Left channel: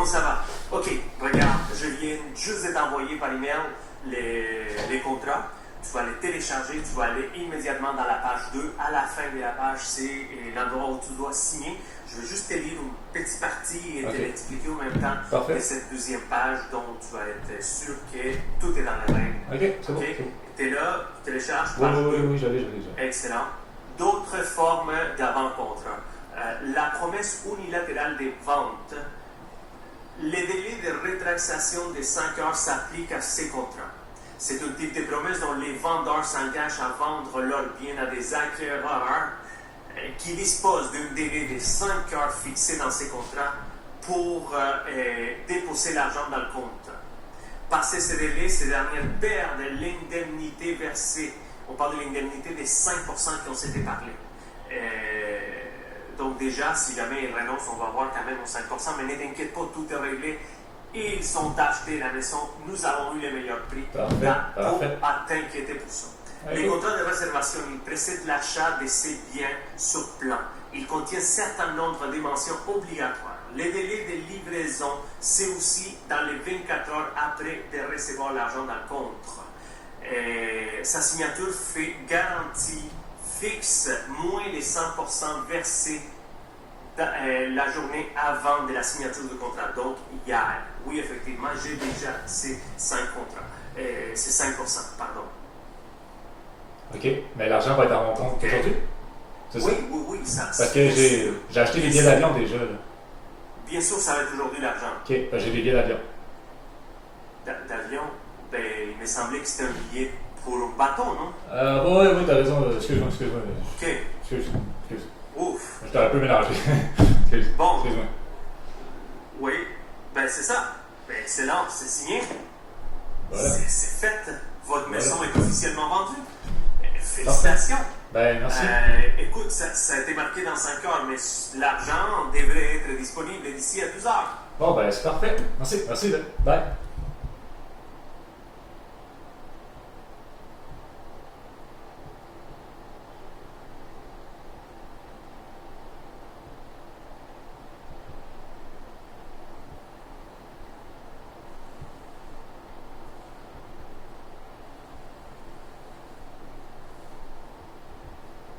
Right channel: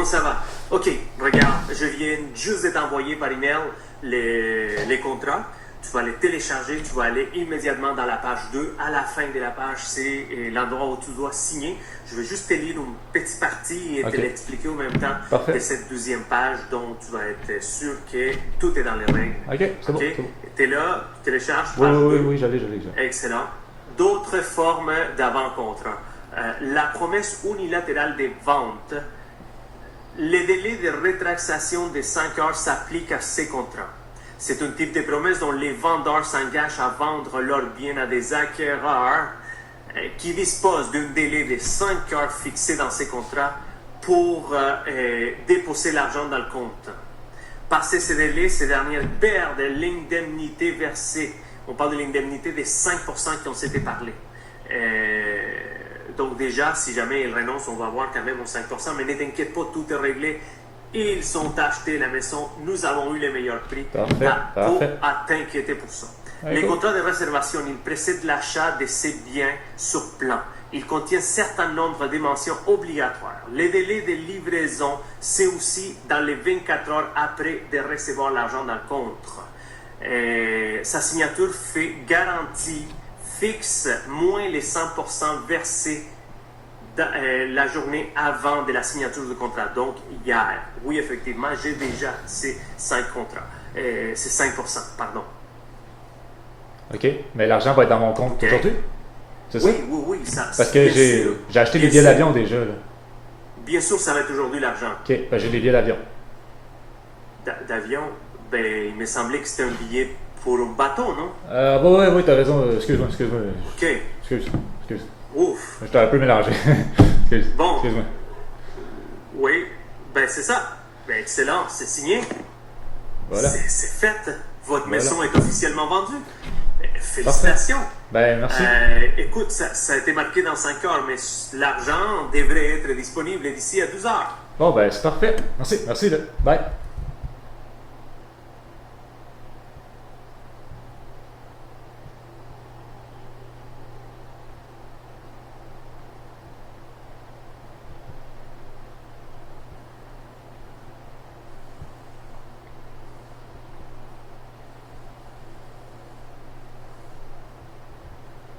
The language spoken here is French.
Comment ça va? OK, regarde, je viens juste de t'envoyer par email les contrats. Tu vas les télécharger, tu vas aller immédiatement dans la page 2. À la fin de la page, c'est l'endroit où tu dois signer. Je vais juste te lire une petite partie et te l'expliquer en même temps de cette deuxième page dont tu vas être sûr que tout est dans les règles. OK, c'est bon. Tu es là, tu télécharges Oui, page 2. oui, j'allais. Excellent. D'autres formes d'avant-contrat. La promesse unilatérale des ventes. Les délais de rétractation de 5 heures s'appliquent à ces contrats. C'est un type de promesse dont les vendeurs s'engagent à vendre leurs biens à des acquéreurs qui disposent d'un délai de 5 heures fixé dans ces contrats pour déposer l'argent dans le compte. Passé ce délai, ces dernières perdent l'indemnité versée. On parle de l'indemnité des 5% qui ont été parlé. Donc déjà, si jamais ils renoncent, on va avoir quand même aux 5%, mais ne t'inquiète pas, tout est réglé. Ils sont achetés la maison, nous avons eu les meilleurs prix. Pas à t'inquiéter pour ça. Les contrats de réservation, ils précèdent l'achat de ces biens sur plan. Ils contiennent un certain nombre de mentions obligatoires. Les délais de livraison, c'est aussi dans les 24 heures après de recevoir l'argent dans le compte. Sa signature fait garantie fixe moins les 100% versés la journée avant de la signature du contrat. Donc, hier, oui, effectivement, j'ai déjà ces 5 contrats. C'est 5%, pardon. OK, mais l'argent va être dans mon compte aujourd'hui? C'est ça? Oui, ça. Parce que j'ai acheté des billets d'avion déjà. Là. Bien sûr, ça va être aujourd'hui l'argent. OK, ben j'ai des billets d'avion. D'avion? Ben, il me semblait que c'était un billet pour un bateau, non? Oui, t'as raison. Excuse-moi. OK. Excuse. Ouf. J'étais un peu mélangé. Bon. Excuse-moi. Oui, ben c'est ça. Ben excellent, c'est signé. Voilà. C'est fait. Votre maison est officiellement vendue. Félicitations. Parfait. Ben, merci. Écoute, ça a été marqué dans 5 heures, mais l'argent devrait être disponible d'ici à 12 heures. Bon, ben, c'est parfait. Merci, là. Bye.